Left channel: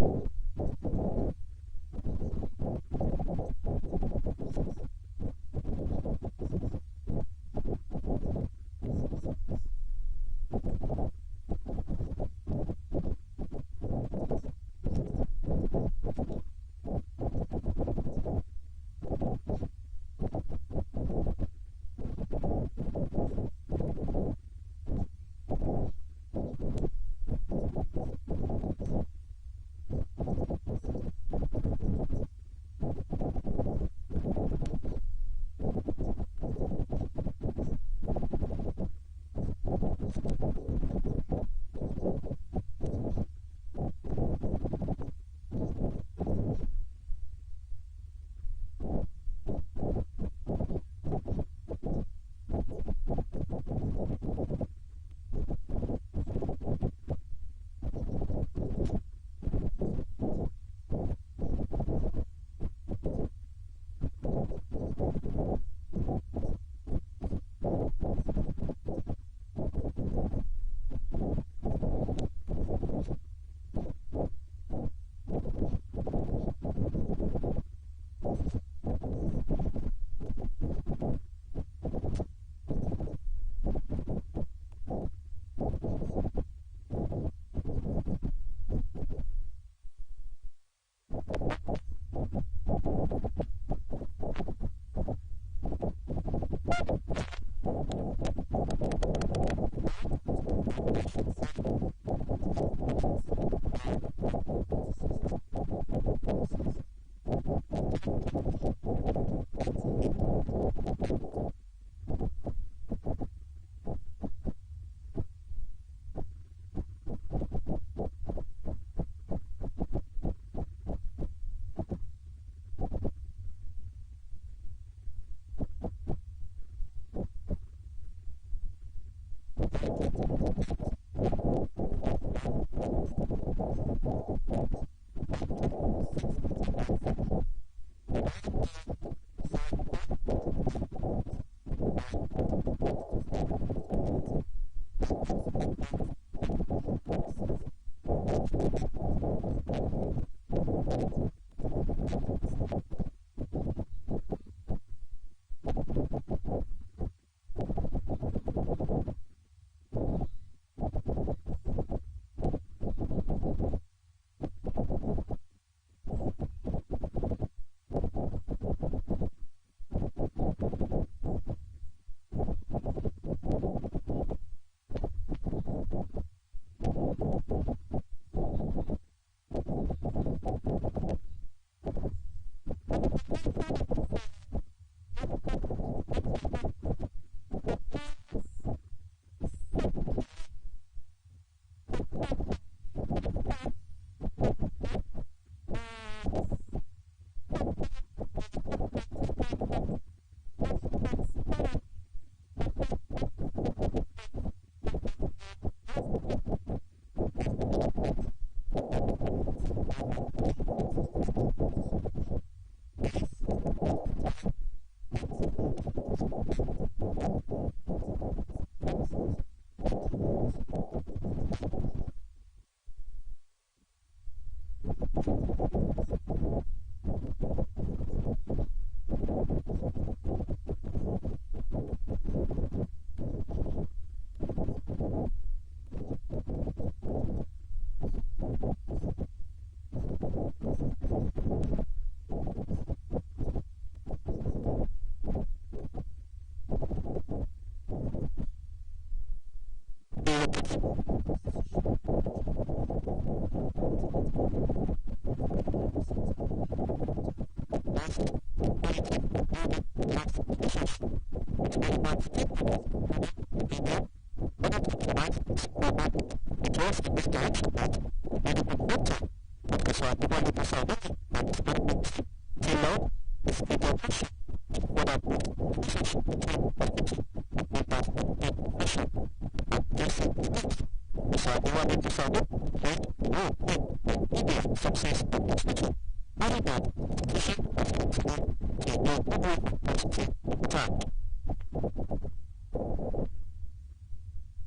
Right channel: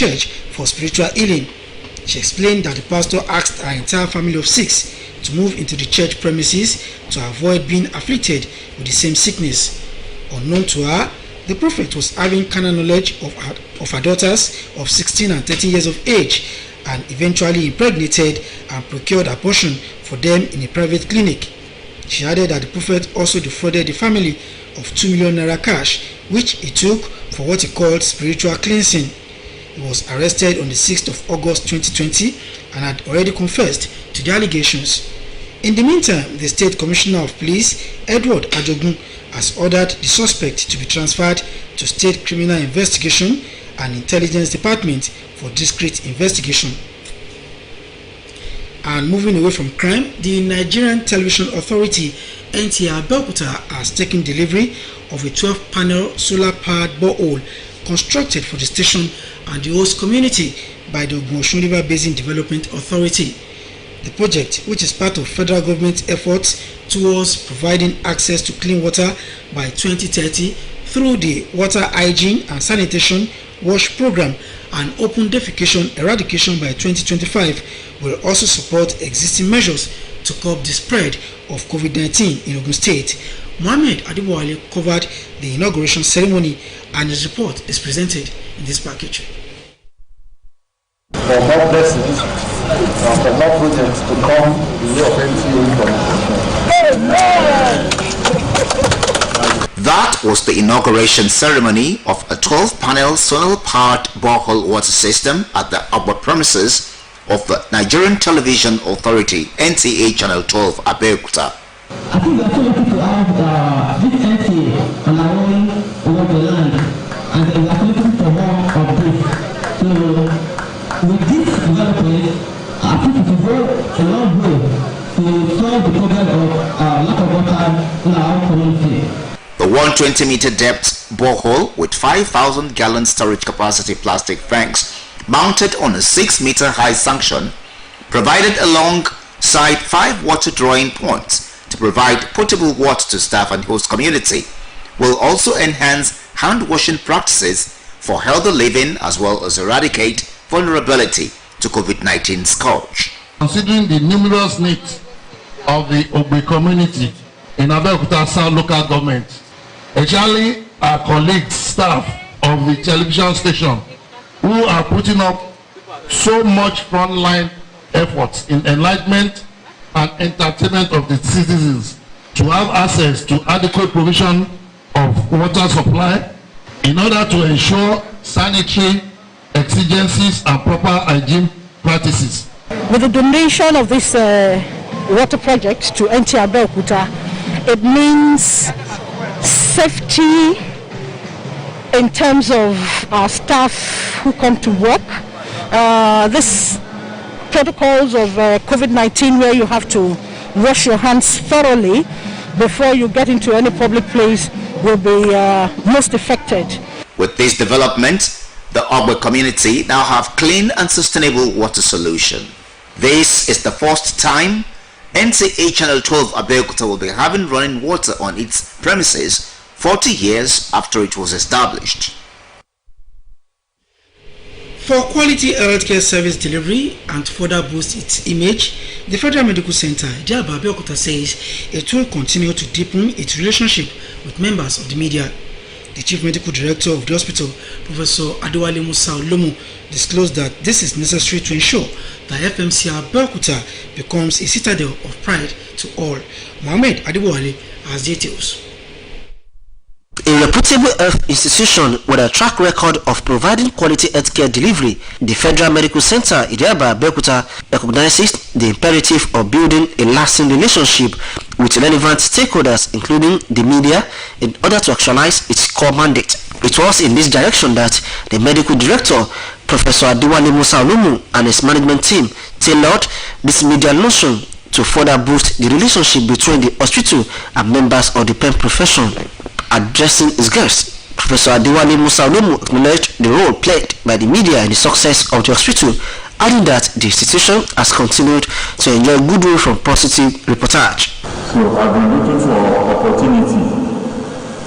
church for spiritual healing. She explained that the pastor asked her entire family of 6 to move into the church premises to avoid being afflicted with the same sickness. Unknown to her, the prophet was having carnal knowledge of her daughters of 16 and 13 years of age, and eventually impregnated and procured abortion for them in a private clinic. She added that the prophet also defrauded the family of 2 million naira cash, which he took for what he called spiritual cleansing. He was arrested on the 6th of August 2020 and had already confessed to the allegations. In the meantime, the State Commissioner of Police, Edward Ajogun, has ordered the suspect to be transferred to State Criminal Investigation and Intelligence Department for discreet investigation. And moving away from crime, the Nigerian Television Authority, Nta Abeokuta, has taken delivery of a 12-panel solar-powered borehole constructed for the station and the host community by the Ogun River Basin Development Authority. The project, which is part of federal government efforts towards providing access to clean water by 2030 through the Water Hygiene and Sanitation WASH program and open defecation eradication by 2025, will also support existing measures to curb the spread of COVID-19 in Ogun State. Mohammed Adibwale covered the inauguration ceremony, and his report is presented in this package. For more blessings, for more projects to come in the That was the inauguration ceremony of a 12-panel solar-powered borehole water system at the upper premises of the Nigerian Television Authority, NTA Channel 12, Abeokuta. I think we are so lucky to have this NTA on our own over the land, and we are looking for more of this. So, with this development, I think it will go a long way to solve the problem of lack of water in our community. The 120-meter depth borehole with 5,000 gallon storage capacity plastic tanks mounted on a 6-meter high sanction provided alongside 5 water drawing points to provide potable water to staff and host community will also enhance hand washing practices for healthy living as well as eradicate vulnerability to COVID-19 scourge. Considering the numerous needs of the Ogbe community in Abeokuta South local government, especially our colleagues, staff of the television station, who are putting up so much frontline efforts in enlightenment and entertainment of the citizens to have access to adequate provision of water supply in order to ensure sanitary exigencies and proper hygiene practices. With the donation of this water project to Nta Abeokuta, it means safety in terms of our staff who come to work. This protocols of COVID-19 where you have to wash your hands thoroughly before you get into any public place will be most affected. With this development, the Ogbe community now have clean and sustainable water solution. This is the first time NTA Channel 12 Abeokuta will be having running water on its premises 40 years after it was established. For quality healthcare service delivery and to further boost its image, the Federal Medical Center, Nta Abeokuta, says it will continue to deepen its relationship with members of the media. The Chief Medical Director of the hospital, Professor Adewale Musa Olomu, disclosed that this is necessary to ensure that FMC Abeokuta becomes a citadel of pride to all. Mohammed Adewale has details. A reputable health institution with a track record of providing quality healthcare delivery, the Federal Medical Center, Nta Abeokuta, recognizes the imperative of building a lasting relationship with relevant stakeholders, including the media, in order to actualize its core mandate. It was in this direction that the Medical Director, Professor Adewale Musa Olomu, and his management team tailored this media notion to further boost the relationship between the hospital and members of the pen profession. Addressing his guests, Professor Adewale Musa Olomu acknowledged the role played by the media in the success of the hospital, adding that the institution has continued to enjoy goodwill from positive reportage. So I've been looking for opportunity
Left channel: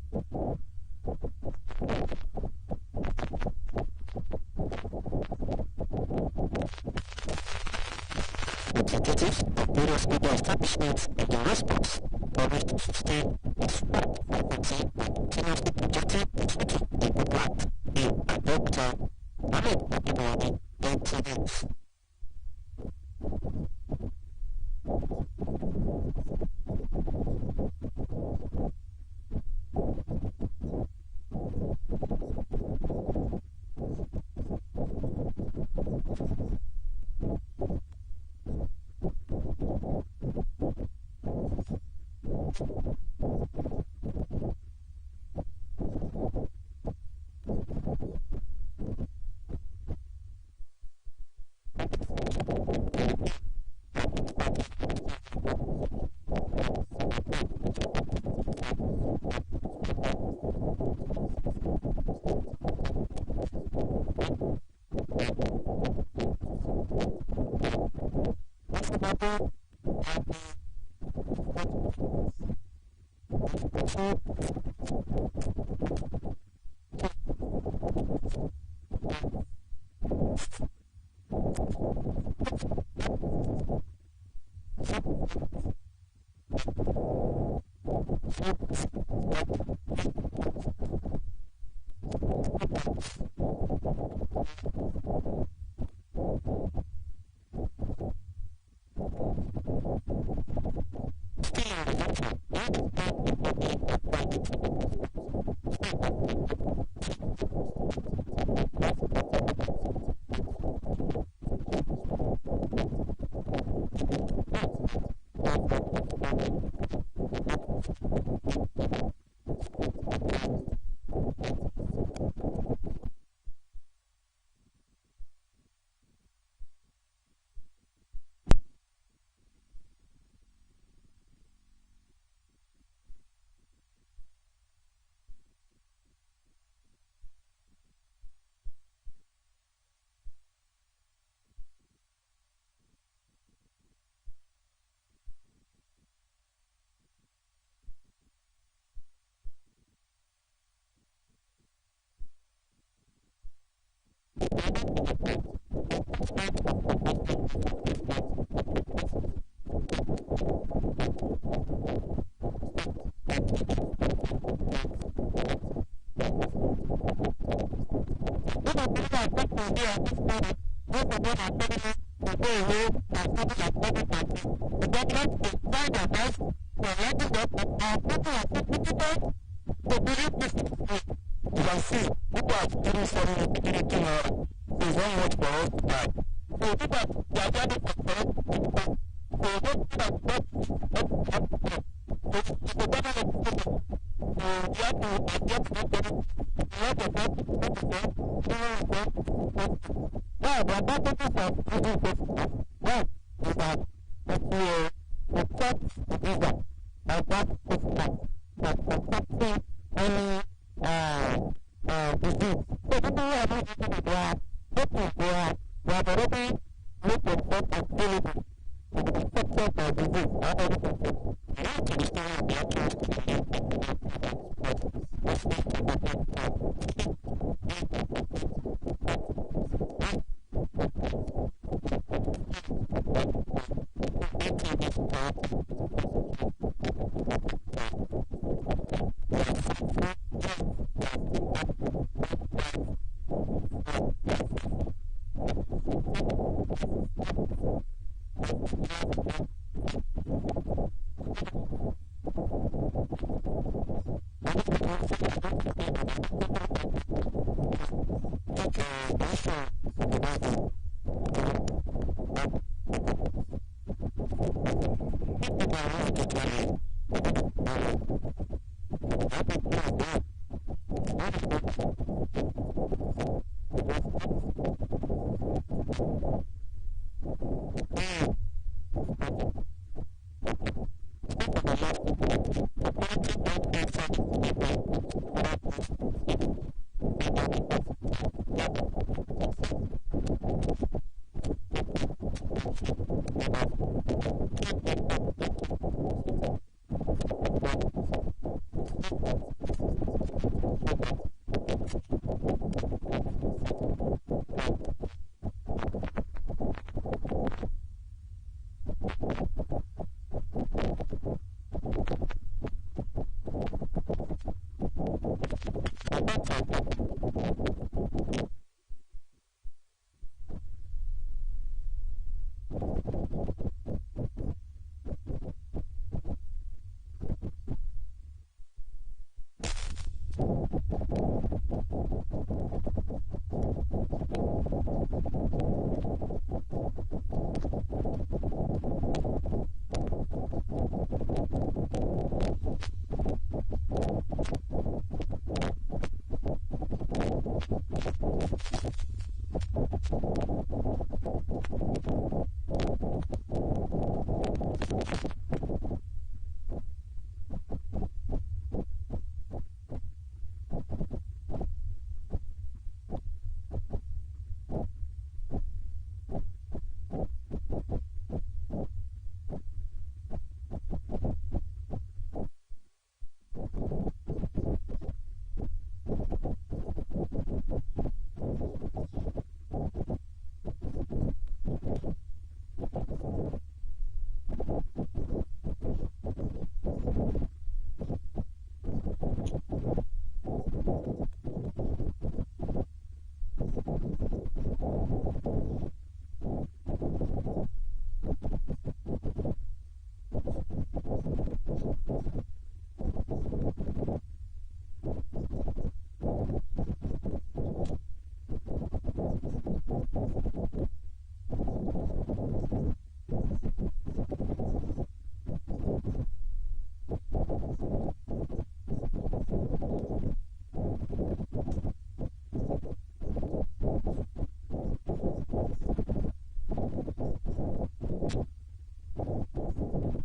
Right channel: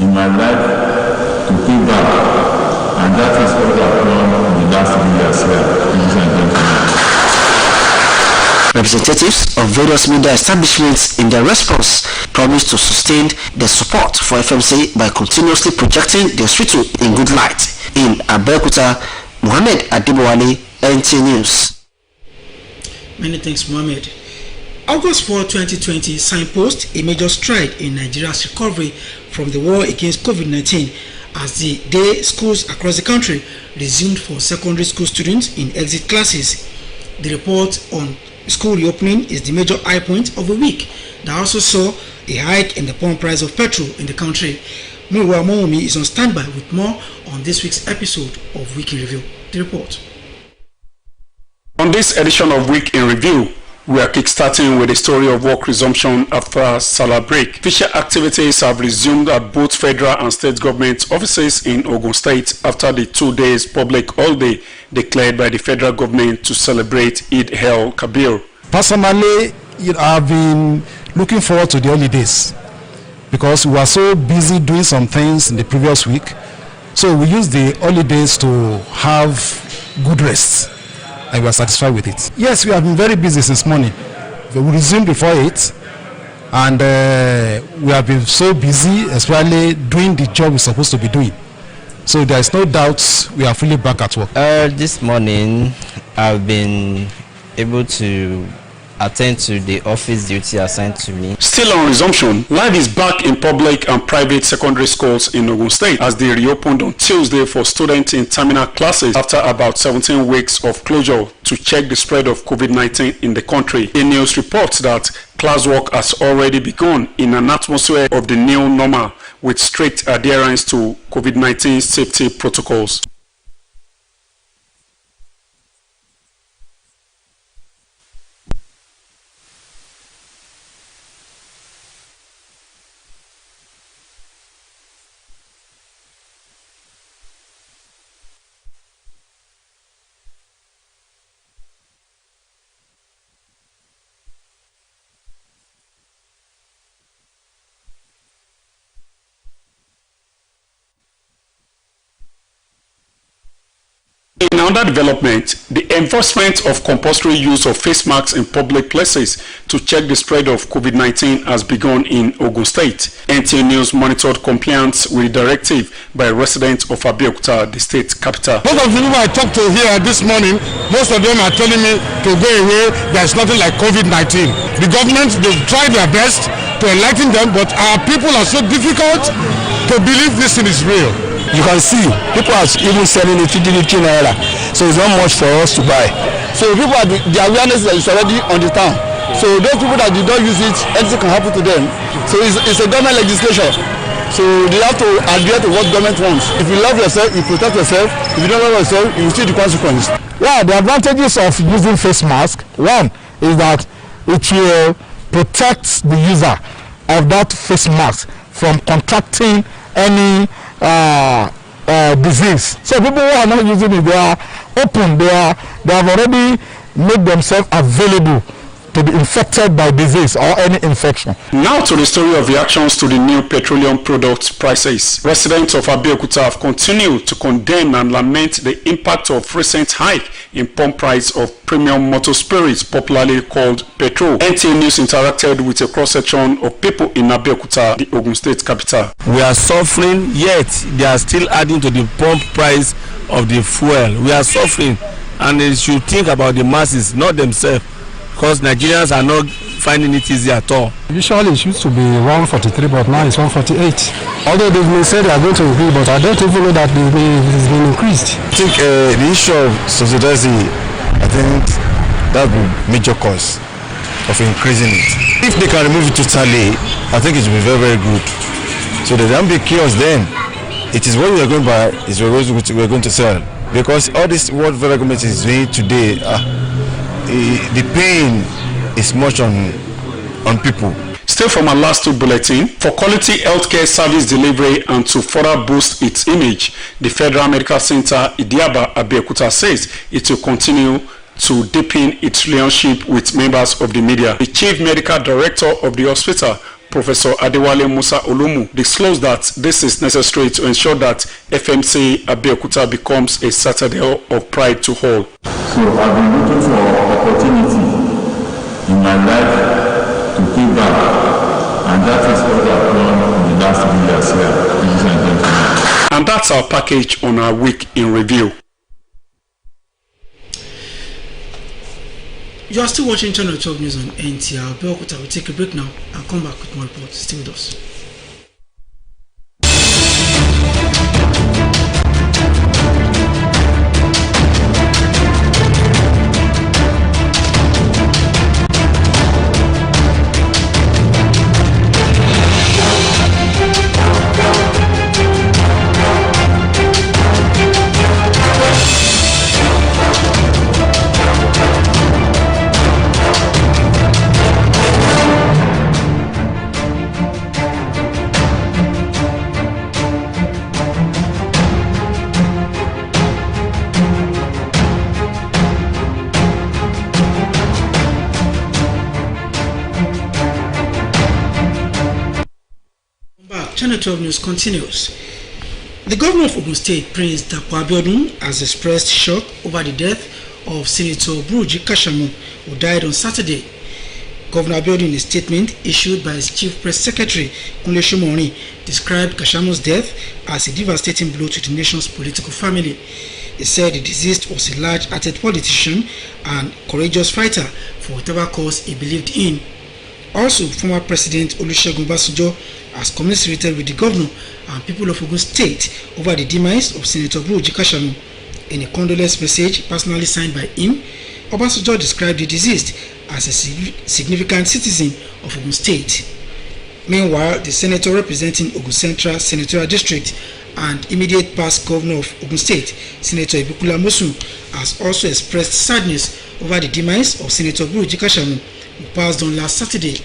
in my life to give back, and that is what I've done in the last 3 years. Representatives of various media establishments in their response promised to sustain their support for FMC by continuously projecting the hospital in good light. In Abeokuta, Mohammed Adibowale, NTA News. Many thanks, Mohammed. August 4, 2020 signpost a major stride in Nigeria's recovery from the war against COVID-19 as the day schools across the country resumed for secondary school students in exit classes. The report on school reopening is the major high point of the week that also saw a hike in the pump price of petrol in the country. Muriwa Momomi is on standby with more on this week's episode of Week in Review. The report. On this edition of Week in Review, we are kickstarting with a story of work resumption after Salah break. Official activities have resumed at both federal and state government offices in Ogun State after the 2 days public holiday declared by the federal government to celebrate Eid el-Kabir. Personally, I've been looking forward to the holidays because we were so busy doing some things in the previous week. So we used the holidays to have good rest. And we are satisfied with it. Yes, we have been very busy since morning. We resumed before 8, and we have been so busy, especially doing the job we're supposed to be doing. So there is no doubt we are fully back at work. This morning, I've been able to attend to the office duty assigned to me. Still on resumption, life is back in public and private secondary schools in Ogun State as they reopened on Tuesday for students in terminal classes after about 17 weeks of closure to check the spread of COVID-19 in the country. The news reports that classwork has already begun in an atmosphere of the new normal with strict adherence to COVID-19 safety protocols. In another development, the enforcement of compulsory use of face masks in public places to check the spread of COVID-19 has begun in Ogun State. NTA News monitored compliance with the directive by residents of Abeokuta, the state capital. Most of the people I talked to here this morning, most of them are telling me to go away. There's nothing like COVID-19. The government, they've tried their best to enlighten them, but our people are so difficult to believe this thing is real. You can see people are even selling it 50 naira, so it's not much for us to buy. So people are the awareness is already on the town. So those people that did not use it, anything can happen to them. So it's a government legislation. So they have to adhere to what government wants. If you love yourself, you protect yourself. If you don't love yourself, you will see the consequences. Yeah, the advantages of using face mask, one is that it will protect the user of that face mask from contracting any disease. So people who are not using it, they are open, they have already made themselves available to be infected by disease or any infection. Now to the story of reactions to the new petroleum product prices. Residents of Abeokuta have continued to condemn and lament the impact of recent hike in pump price of premium motor spirits, popularly called petrol. NTA News interacted with a cross-section of people in Abeokuta, the Ogun State capital. We are suffering, yet they are still adding to the pump price of the fuel. We are suffering, and they should think about the masses, not themselves, because Nigerians are not finding it easy at all. Usually it used to be 143, but now it's 148. Although they may say they are going to increase, but I don't even know that it has been increased. I think the issue of subsidizing, I think that would be a major cause of increasing it. If they can remove it totally, I think it will be very, very good. So there won't be chaos then. It is what we are going to buy, is what we are going to sell. Because all this what federal government is doing today, the pain is much on people. Still from our last two bulletin, for quality healthcare service delivery and to further boost its image, the Federal Medical Center Nta Abeokuta says it will continue to deepen its relationship with members of the media. The Chief Medical Director of the hospital, Professor Adewale Musa Olumu, disclosed that this is necessary to ensure that FMC Abeokuta becomes a citadel of pride to all. So I've been looking for opportunity in my life to pay back, and that is what I've done in the last 3 years here, ladies and gentlemen. And that's our package on our week in review. You are still watching Channel 12 News on Nta Abeokuta. We'll take a break now and come back with more reports. Stay with us. Channel 12 News continues. The governor of Ogun State, Prince Nta Abeokuta, has expressed shock over the death of Senator Buruji Kashamu, who died on Saturday. Governor Abeokuta, in a statement issued by his chief press secretary, Kunle Shomori, described Kashamu's death as a devastating blow to the nation's political family. He said the deceased was a large-hearted politician and courageous fighter for whatever cause he believed in. Also, former President Olusegun Obasanjo has commiserated with the governor and people of Ogun State over the demise of Senator Buruji Kashamu. In a condolence message personally signed by him, Obasanjo described the deceased as a significant citizen of Ogun State. Meanwhile, the senator representing Ogun Central Senatorial District and immediate past governor of Ogun State, Senator Ibukula Mosun, has also expressed sadness over the demise of Senator Buruji Kashamu, who passed on last Saturday.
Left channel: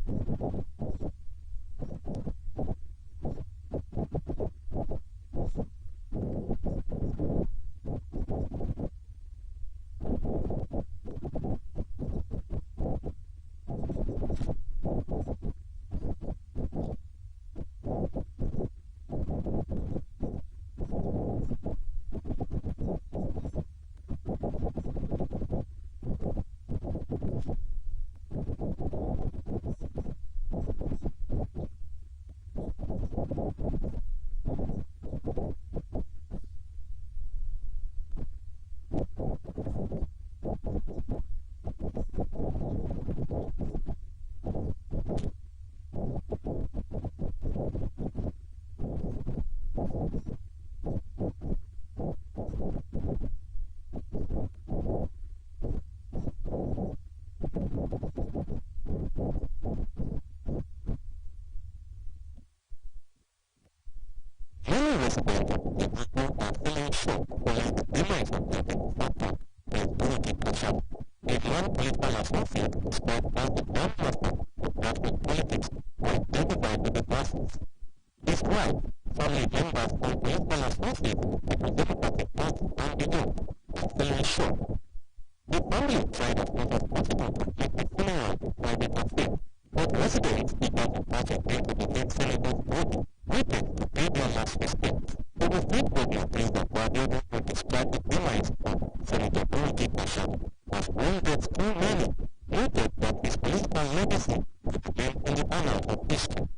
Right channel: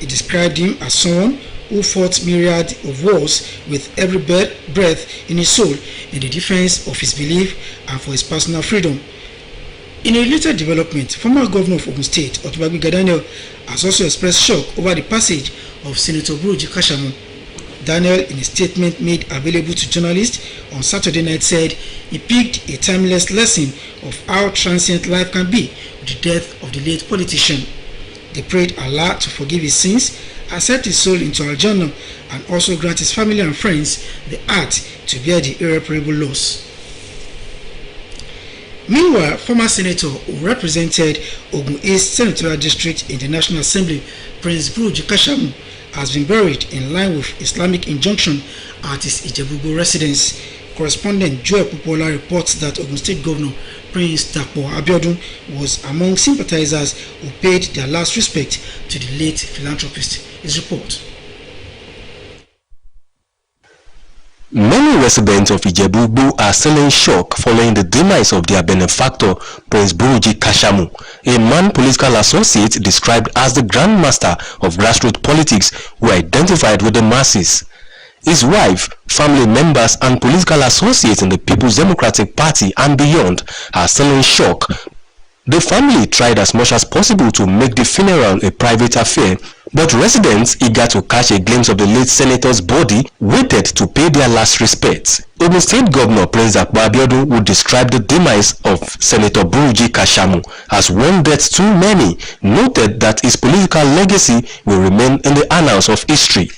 He described him as someone who fought myriad of wars with every breath in his soul in the defense of his belief and for his personal freedom. In a related development, former governor of Ogun State, Otubagbi Daniel, has also expressed shock over the passage of Senator Buruji Kashamu. Daniel, in a statement made available to journalists on Saturday night, said he picked a timeless lesson of how transient life can be with the death of the late politician. They prayed Allah to forgive his sins, accept his soul into Al-Jannah, and also grant his family and friends the heart to bear the irreparable loss. Meanwhile, former senator who represented Ogun East Senatorial District in the National Assembly, Prince Buruji Kashamu, has been buried in line with Islamic injunction at his Ijebu residence. Correspondent Joel Popola reports that Ogun State Governor Prince Nta Abeokuta was among sympathizers who paid their last respect to the late philanthropist. His report. Many residents of Ijebu are still in shock following the demise of their benefactor, Prince Buruji Kashamu, a man political associate described as the grandmaster of grassroots politics who identified with the masses. His wife, family members, and political associates in the People's Democratic Party and beyond are still in shock. The family tried as much as possible to make the funeral a private affair, but residents eager to catch a glimpse of the late senator's body waited to pay their last respects. Ogun State Governor Prince Nta Abeokuta would describe the demise of Senator Buruji Kashamu as one death too many, noted that his political legacy will remain in the annals of history.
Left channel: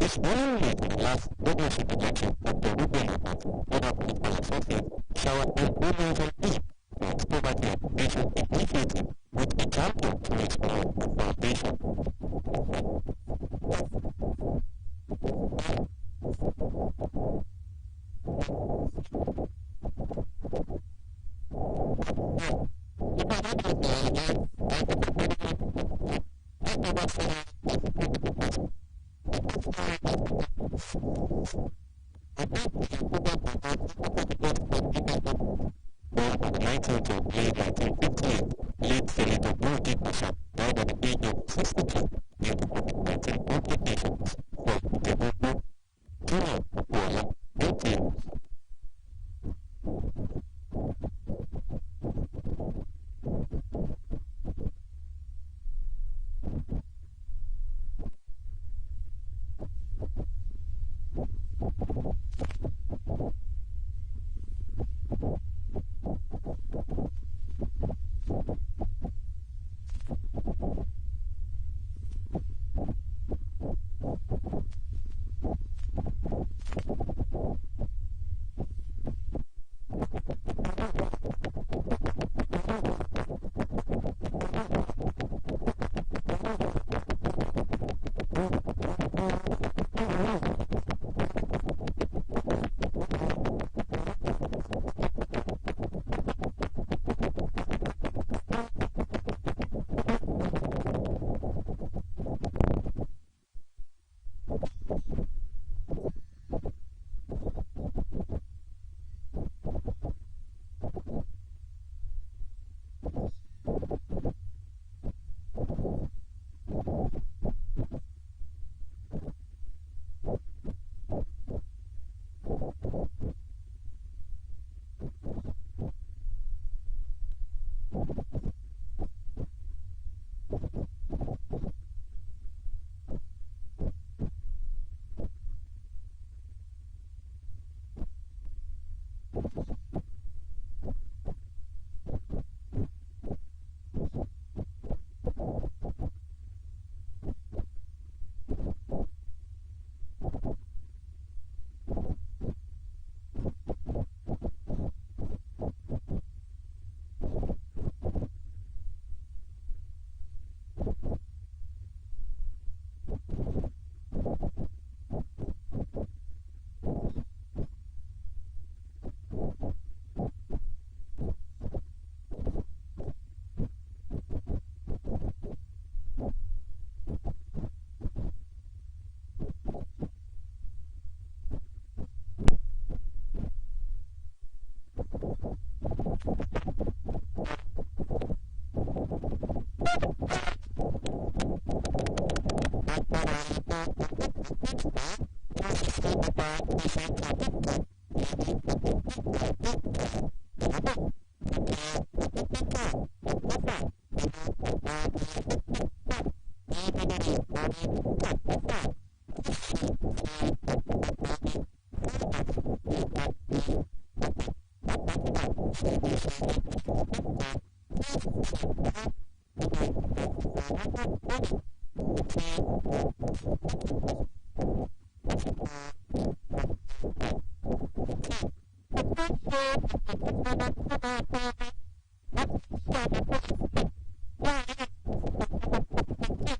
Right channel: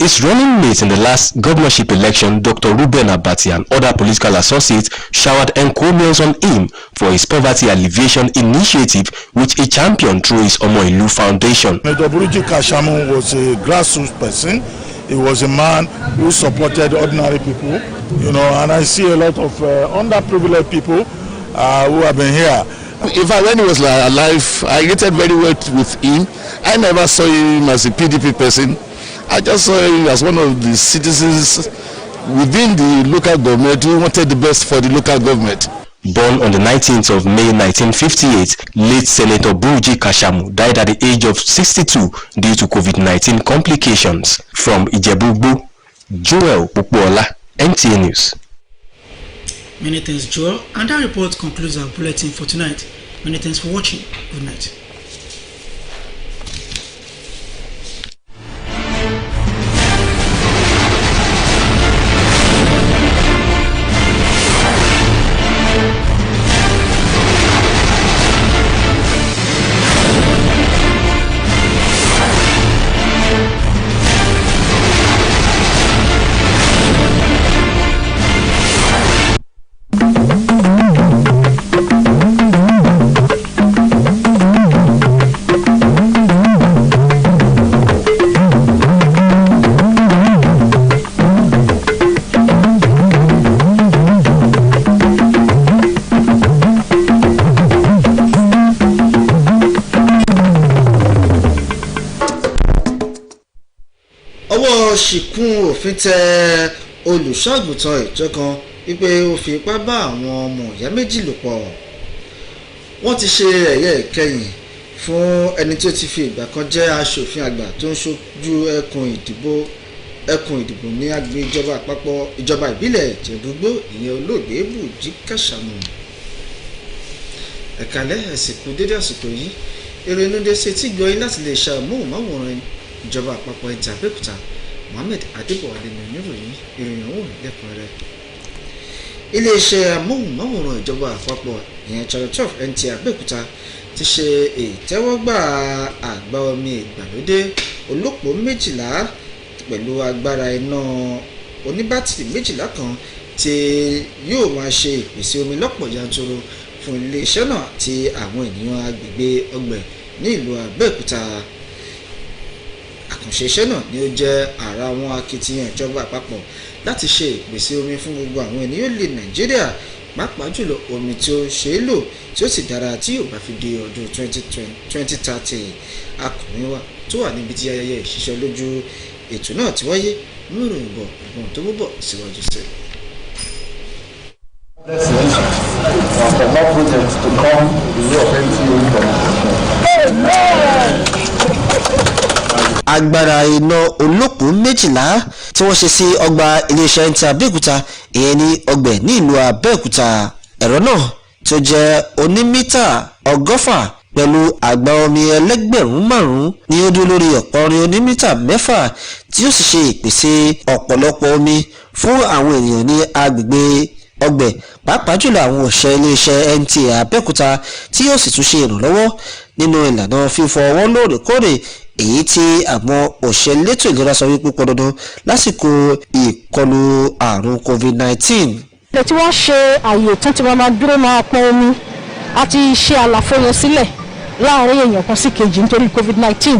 His running mate in the last governorship election, Dr. Ruben Abati, and other political associates showered encomiums on him for his poverty alleviation initiative, which he championed through his Omoilu Foundation. Senator Buruji Kashamu was a grassroots person. He was a man who supported ordinary people, and I see a lot of underprivileged people who have been here. In fact, when he was alive, I related very well with him. I never saw him as a PDP person. I just saw him as one of the citizens within the local government who wanted the best for the local government. Born on the 19th of May 1958, late Senator Buruji Kashamu died at the age of 62 due to COVID-19 complications. From Ijebu, Joel Popola, NTA News. Many thanks, Joel. And that report concludes our bulletin for tonight. Many thanks for watching. Good night. ṣìkún òfin tẹ olùṣọ́àgùntàn ìjọ kan wípé ó fi ipá bá àwọn ọmọ ìyá méjì lò pọ̀. Wọ́n ti ṣe ẹ̀yẹ ìkẹyìn fún ẹni tó ti fi ìgbà kan jẹ́ aṣòfin àgbà tó ń ṣojú ẹkùn ìdìbò ní agbègbè ìjọba àpapọ̀ ìjọba ìbílẹ̀ Ìjẹ̀bú-Igbó ìyẹn olóògbé Bùjí Kàṣàmù. Ẹ̀kálẹ́ ẹ̀sìnkú dédé àsìkò yìí èrò inú dé sí tí gbọ́yìn láti lè ṣe àmóhùnmáwòrán ìjọba àpapọ̀ Nta Abeokuta Mohammed Adébọ̀wálé ní oníròyìn ìròyìn ọ̀hún lẹ́kùnrẹ́rẹ́. Iléeṣẹ́ amóhùnmáwòrán ìjọba àpapọ̀ ìyẹn Channel 12 Nta Abeokuta ti ṣe ìtẹ́wọ́gbà àgbá omi ìgbàlódé olópó 12 pẹ̀lú agbára iná oníbátìrì 12 kan tí yóò máa ṣe ìpèsè omi lọ́pọ̀ yanturu fún iléeṣẹ́ náà àti àwọn ènìyàn agbègbè ọgbẹ̀ ní ìlú Abẹ́òkúta. Àkànṣe iṣẹ́ náà ni ó jẹ́ ara àwọn akitiyan ìjọba àpapọ̀ láti ṣe ìpèsè omi fún gbogbo àwọn ènìyàn ilẹ̀ Nàìjíríà pàápàá jùlọ omi tí ó ṣe é lò tí ó sì dára tí yóò bá fi di ọdún 2030. Akọ̀wé wa tó wà níbi tí ayẹyẹ ìṣiṣẹ́ lójú ètò náà ti wáyé mú ìròyìn bọ̀ ìbọn tó mú bọ̀ síwájú sí. For more projects to come the way of agbára iná olópó 12 tí wọ́n ṣe sí ọgbà iléeṣẹ́ Nta Abeokuta ìyẹn ní ọgbẹ̀ ní ìlú Abẹ́òkúta. Ẹ̀rọ náà tó jẹ́ onímítà 100 pẹ̀lú àgbá omi ẹlẹ́gbẹ̀rún 5 ni ó dúró lórí ọ̀pọ̀rin onímítà 6 tí ó sì ṣe ìpèsè ọ̀pọ̀lọpọ̀ omi fún àwọn ènìyàn ní agbègbè ọgbẹ̀ pàápàá jùlọ àwọn òṣìṣẹ́ iléeṣẹ́ Nta Abeokuta tí yóò sì tún ṣe ìrànlọ́wọ́ nínú ìlànà fífọ ọwọ́ lóòrèkóòrè èyí tí àwọn òṣìṣẹ́ elétò ìlera sọ wípé pọn dandan lásìkò ìkọlù àrùn COVID-19. ilé tí wọ́n ṣe àyè tán tí wọ́n máa dúró máa pọn omi àti ṣe àlàfo yẹn sílẹ̀ láàárín èèyàn kan sí kejì nítorí COVID-19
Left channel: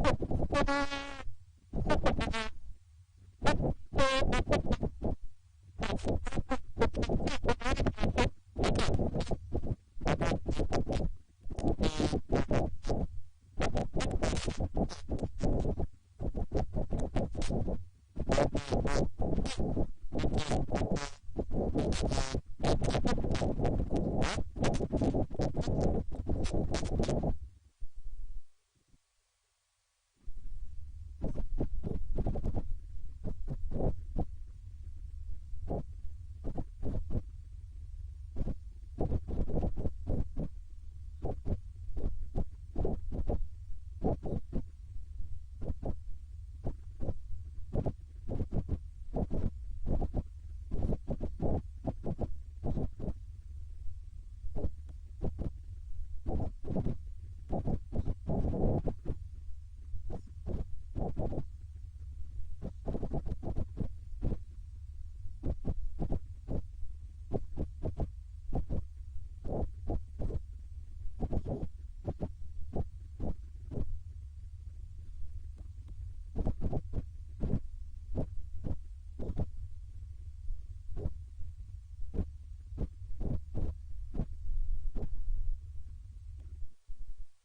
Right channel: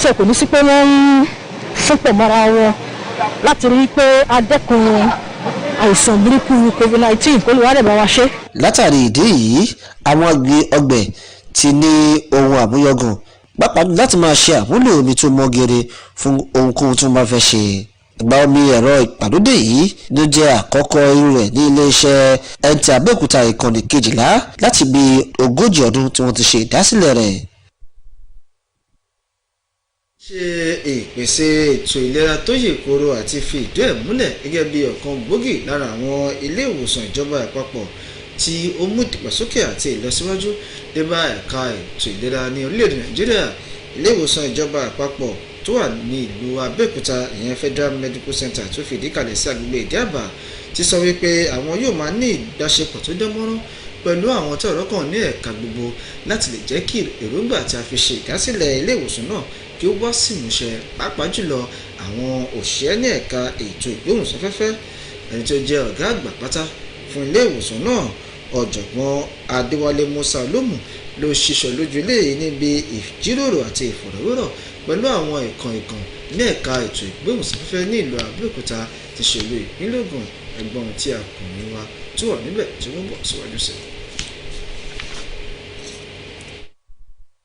so kò ní sí pé wọ́n ń fúnpọ̀ mọ́ra wọn láti rí pé adẹ́kun àìsàn burúkú COVID-19 kó lè wá dẹ̀ bá wa ṣe. látàrí ìdí yìí àwọn ọgbẹ̀ ti ní ohun àmúyọ̀gàn pàápàá láti máa ṣe àmúlò omi tó mọ́ gere fún ohunkóhun tó bá fẹ́ ṣe. Ìgbà omi ẹ̀rọ ìgbàlódé yìí ló jẹ́ àkọ́kọ́ irú rẹ̀ ní iléeṣẹ́ Nta Abeokuta ìkànnì 12 láti bí 40 ọdún tí wọ́n ti ṣe ìdásílẹ̀ rẹ̀. Ṣe ìpèsè ètò ìlera tó yè kooro àti fi ìdí ẹ̀ múlẹ̀ gẹ́gẹ́ bí ọ̀kan gbòógì lára àwọn ilé ìwòsàn ìjọba àpapọ̀ tí ó mú ìdàgbàsókè àti ìlọsíwájú dé bá ẹ̀ka ètò ìlera ní orílẹ̀-èdè Nàìjíríà. Ilé ìwòsàn ìjọba àpapọ̀ tó wà ní ìlú Abẹ́òkúta ìyẹn Federal Medical Center tó fìdí kalẹ̀ sí agbègbè Ìdí-Àbà ti sọ wípé àwọn yóò máa ní ìbáṣepọ̀ tó dánmọ́rán pẹ̀lú àwọn tí ọ̀rọ̀ kàn ní ẹ̀ka gbogbo láti lè jẹ́ kí èròǹgbà tí a fi ṣe ìdásílẹ̀ ilé ìwòsàn náà kí ó wá sí ìmúṣẹ pàápàá jùlọ àwọn òṣìṣẹ́ ní ẹ̀ka ètò ìgbóhùnsáfẹ́fẹ́. Ẹni tó jẹ́ ọ̀gá àgbà pátá fún ilé ìwòsàn náà ọ̀jọ̀gbọ́n Adéwálé Musa Olómù ló ṣiṣọ́ lójú ilé níbi ìjíròrò àti ìfọ̀rọ̀wérọ̀ pẹ̀lú àwọn ìkan ní ẹ̀ka ètò ìgbóhùnsáfẹ́fẹ́ ní ìlú Abẹ́òkúta ti ṣèlú ìpínlẹ̀ Ògùn ẹ̀gbọ́n tí akọ̀wé wa tó wà níbẹ̀ tí wọ́n bọ̀ síwájú sí.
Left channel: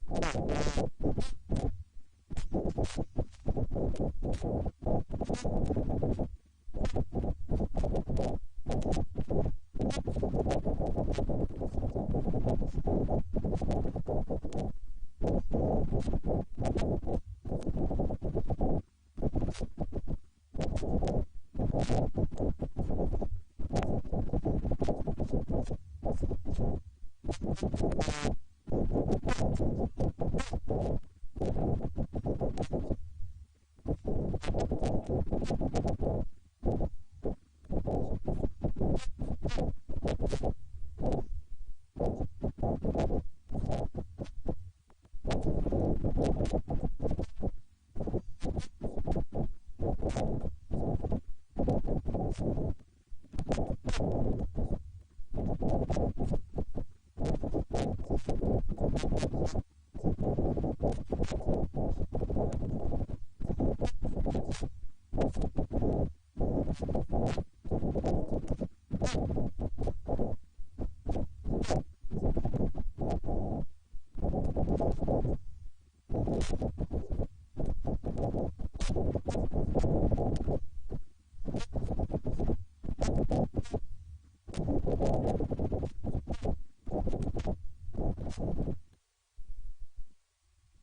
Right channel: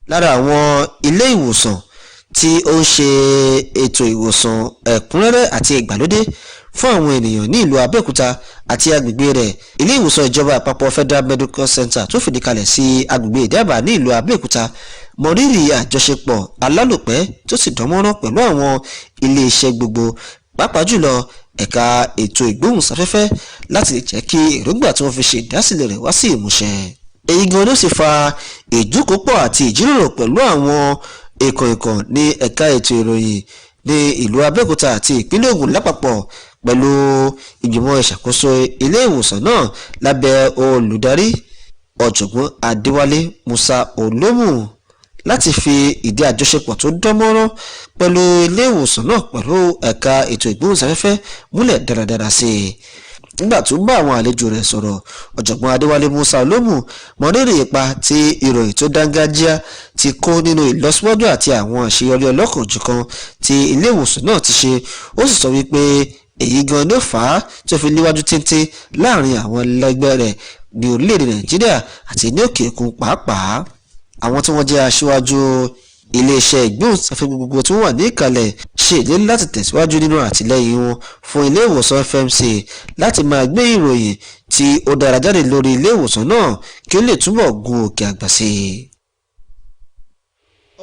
Lára àwọn ilé ìwòsàn tí ó ń ṣe ètò ìwòsàn ẹ̀kúnrẹ́rẹ́ àti ìgbàlódé fún àwọn ènìyàn ní ìlú Abẹ́òkúta àti agbègbè rẹ̀ ilé ìwòsàn ìjọba àpapọ̀ Federal Medical Center tó fìdí kalẹ̀ sí agbègbè Ìdí-Àbà ní ìlú Abẹ́òkúta mọrírì àjọṣepọ̀ alálòpẹ́ tó sì dánmọ́rán pẹ̀lú àwọn ilé-iṣẹ́ gbogbo pàápàá jùlọ ẹ̀ka ètò ìgbóhùnsáfẹ́fẹ́ láti jẹ́ kí èròǹgbà tí wọ́n fi ṣe ìdásílẹ̀ rẹ̀ wá sí ìmúṣẹ. èyí gan ló sì fa ìjókòópọ̀ àti ìjíròrò pẹ̀lú àwọn ìkànnìkàn ní ẹ̀ka ètò ìròyìn ní ìlú Abẹ́òkúta àti ìpínlẹ̀ Ògùn lápapọ̀ pẹ̀lú ìgbìmọ̀ ìṣàkóso ilé ìwòsàn náà lábẹ́ olùdarí ọ̀jọ̀gbọ́n Adéwálé Musa Olómù láti fi ìdí àjọṣepọ̀ tó dánmọ́rán pẹ̀lú ilé ìwòsàn náà pẹ̀lú ẹ̀ka ètò ìgbóhùnsáfẹ́fẹ́ múlẹ̀ dáradára sí i. Nígbà tó bá àwọn àlejò rẹ̀ sọ̀rọ̀, ọ̀jọ̀gbọ́n Adéwálé Musa Olómù mọrírì ipa tí ìròyìn tó dángájíá ti kó nínú ìlọsíwájú àti àwọn àṣeyọrí ọlọ́kan-ò-jọ̀kan tí ilé ìwòsàn náà ti ṣe. Ó sì sọ wípé èyí gan ló fà á tó fi léwájú téńté láàrin àwọn ẹlẹgbẹ́ rẹ̀ ní orílẹ̀-èdè Nàìjíríà àti ní òkè òkun pàápàá. Àwọn tí wọ́n jẹ́ aṣíwájú iléeṣẹ́ ìgbóhùnsáfẹ́fẹ́ gbogbo tí wọ́n wà ní ìkàlẹ̀ ṣe ìlérí láti tẹ̀síwájú nínú àtìlẹ́yìn wọn fún ilé ìwòsàn FMC láti máa gbé ìròyìn tí ó dára jáde lórí ilé ìwòsàn náà kí ó lè túbọ̀ gun òkè àgbà sí i.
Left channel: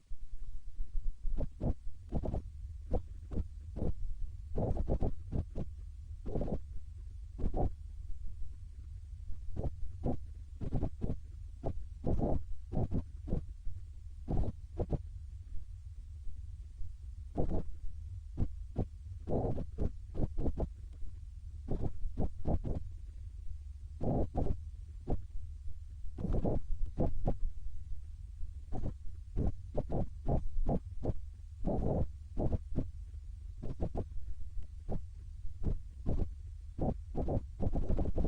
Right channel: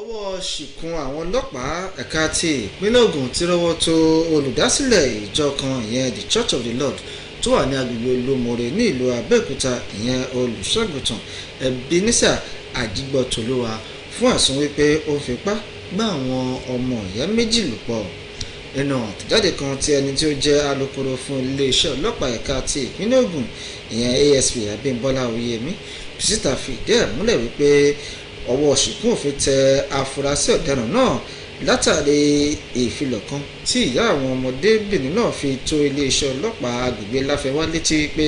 ọwọ́ ṣìkún àwọn ọlọ́pàá ẹ̀ka ti ìpínlẹ̀ Ògùn ti rọ́wọ́ tó olùdásílẹ̀ ìjọ kan ìyẹn the Church of the Lord tó wà ní agbègbè Olómọ̀rè ní ìlú Abẹ́òkúta ìyẹn olùṣọ́àgùntàn Ebenezer Ajígbọ́tolúwa fún ẹ̀sùn wípé ó fipá bá àwọn ọmọ ìyá méjì lò pọ̀. Nínú àtẹ̀jáde kan tí ẹni tí ó jẹ́ alukoro fún iléeṣẹ́ ọlọ́pàá ẹ̀ka ti ìpínlẹ̀ Ògùn ìyẹn ASP Abímbọ́lá Oyèmí síta fìdí ẹ̀ múlẹ̀ wípé ọwọ́ ṣìkún òfin tẹ afurasí ọ̀daràn náà látàrí ìfilọ̀ kan tí ìyá àwọn ọmọdébìnrin náà fi tó iléeṣẹ́ ọlọ́pàá agbègbè Láfẹ́wá létí pé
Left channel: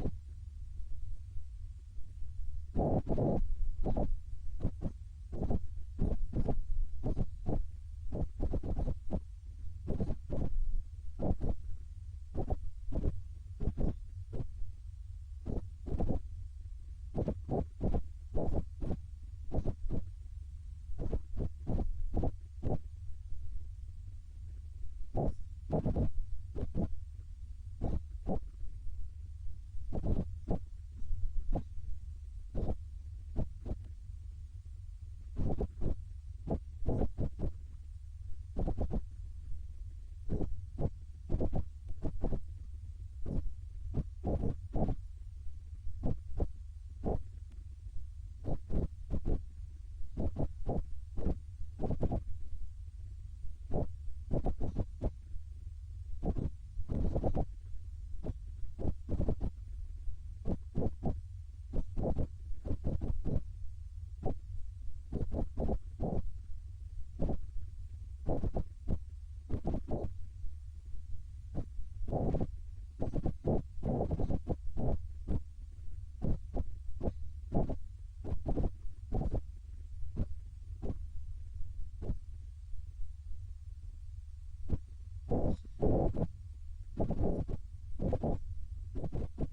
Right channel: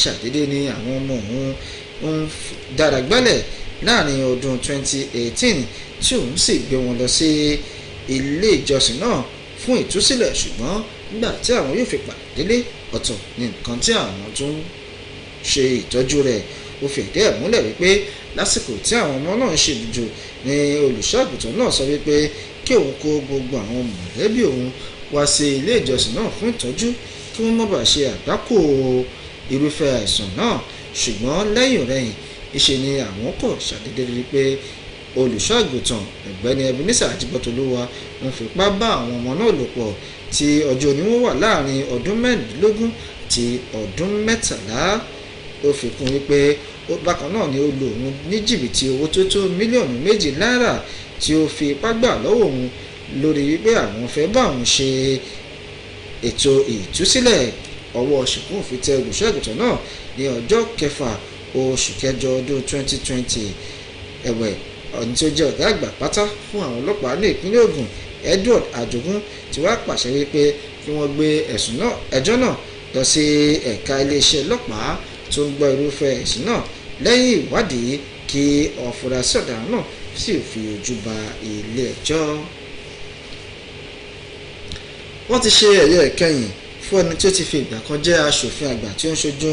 ṣàdédé ni àwọn ọmọ òun ń dára gbálẹ̀ láàrin ọdún 2018 tí òun sì gbé wọn lọ sí ilé ìjọsìn náà fún ìtúsílẹ̀, ṣùgbọ́n nígbà tí àwọn yóò fi padà délé ọ̀tọ̀ ní nǹkan tí àwọn tún ṣe ìtọ́jú rẹ̀. Ó fìdí ẹ̀ múlẹ̀ wípé lásìkò tí àwọn ọmọ náà ń ṣe ìdíjọ ní olùṣọ́àgùntàn náà sọ wípé kí òun kó gbogbo àwọn mọ̀lẹ́bí òun wá sí ilé ìjọsìn náà fún ìtọ́jú kí wọ́n má bàa ṣe àgbákò irúfẹ́ àìsàn náà, ṣùgbọ́n lẹ́yìn ọ̀rẹ́yìn ìṣe ni àwọn kò ṣàdédé rí pé olùṣọ́àgùntàn ọ̀gbẹ́ni Ebenezer Ajígbọ́tolúwa ń fipá bá àwọn ọmọ náà lò pọ̀ tí ọjọ́ orí wọn wà láàrin ọdún 16 àti ọdún 13. Ó fi kún wípé bákan náà ni ó lò òun ní jìbìtì owó tó tó mílíọ̀nù 2 náírà tí ó fi ipá gbà lọ́wọ́ òun lórí wípé àwọn fẹ́ bá òun ṣe ètò ìtúsílẹ̀. Ọwọ́ ṣìkún òfin tẹ olùṣọ́àgùntàn náà ní ọjọ́ 6 oṣù kẹjọ ọdún 2020. ẹ̀wẹ̀ ọ̀ní tí ó jẹ́ ọ̀gá àgbà pátá fún àwọn ọlọ́pàá ní ìpínlẹ̀ Ògùn Edward Ajogun ti wá pàṣẹ wípé kí wọ́n gbé ẹjọ́ náà lọ sí ẹ̀ka iléeṣẹ́ ọlọ́pàá tó ń gbọ́ irúfẹ́ ẹ̀sùn náà lẹ́yìn ìwádìí kí afurasí ọ̀daràn náà sì fi ojú ba ilé ẹjọ́. Wọ́n ti ṣe ẹ̀yẹ ìkẹyìn fún ẹni tí ó ti fi ìgbà kan jẹ́ aṣòfin àgbà tí ó ń ṣojú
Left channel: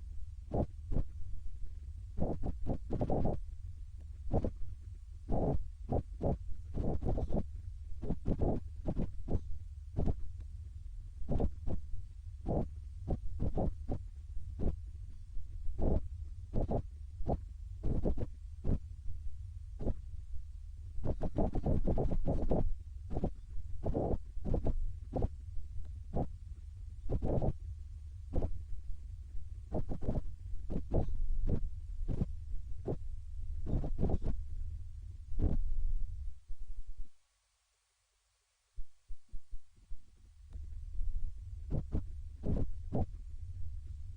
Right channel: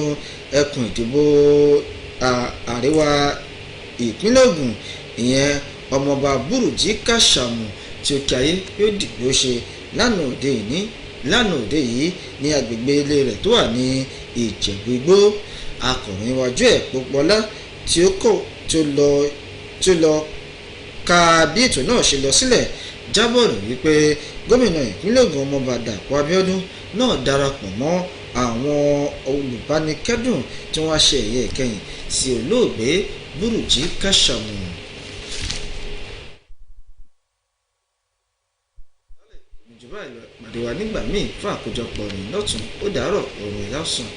ẹkùn ìdìbò àríwá ìpínlẹ̀ Ògùn ìyẹn ọmọọba Burújí Kàṣàmù tí ó kí ayé yóò dìgbò ṣe lánàá òde yìí ní agbègbè ilé rẹ̀ tó wà ní Ìjẹ̀bú Igbó. Akọ̀ròyìn iwájú ẹ̀ Pópọ́lá tí ó lọ ka bí ètò náà ṣe lọ sílẹ̀ jábọ̀ rẹ̀ wípé gómìnà ìpínlẹ̀ Ògùn ọmọọba Dàpọ̀ Abíọ́dún náà darapọ̀ mọ́ àwọn olùbánikẹ́dùn tí wọ́n ṣe ẹ̀yẹ ìkẹyìn sí olóògbé Burújí Kàṣàmù. ìjọba ìpàdé wa nígbà míì fún àkójọpọ̀ ìròyìn lọ́tún ó dàárọ̀ ọ̀rọ̀ ìyá ọ̀sán.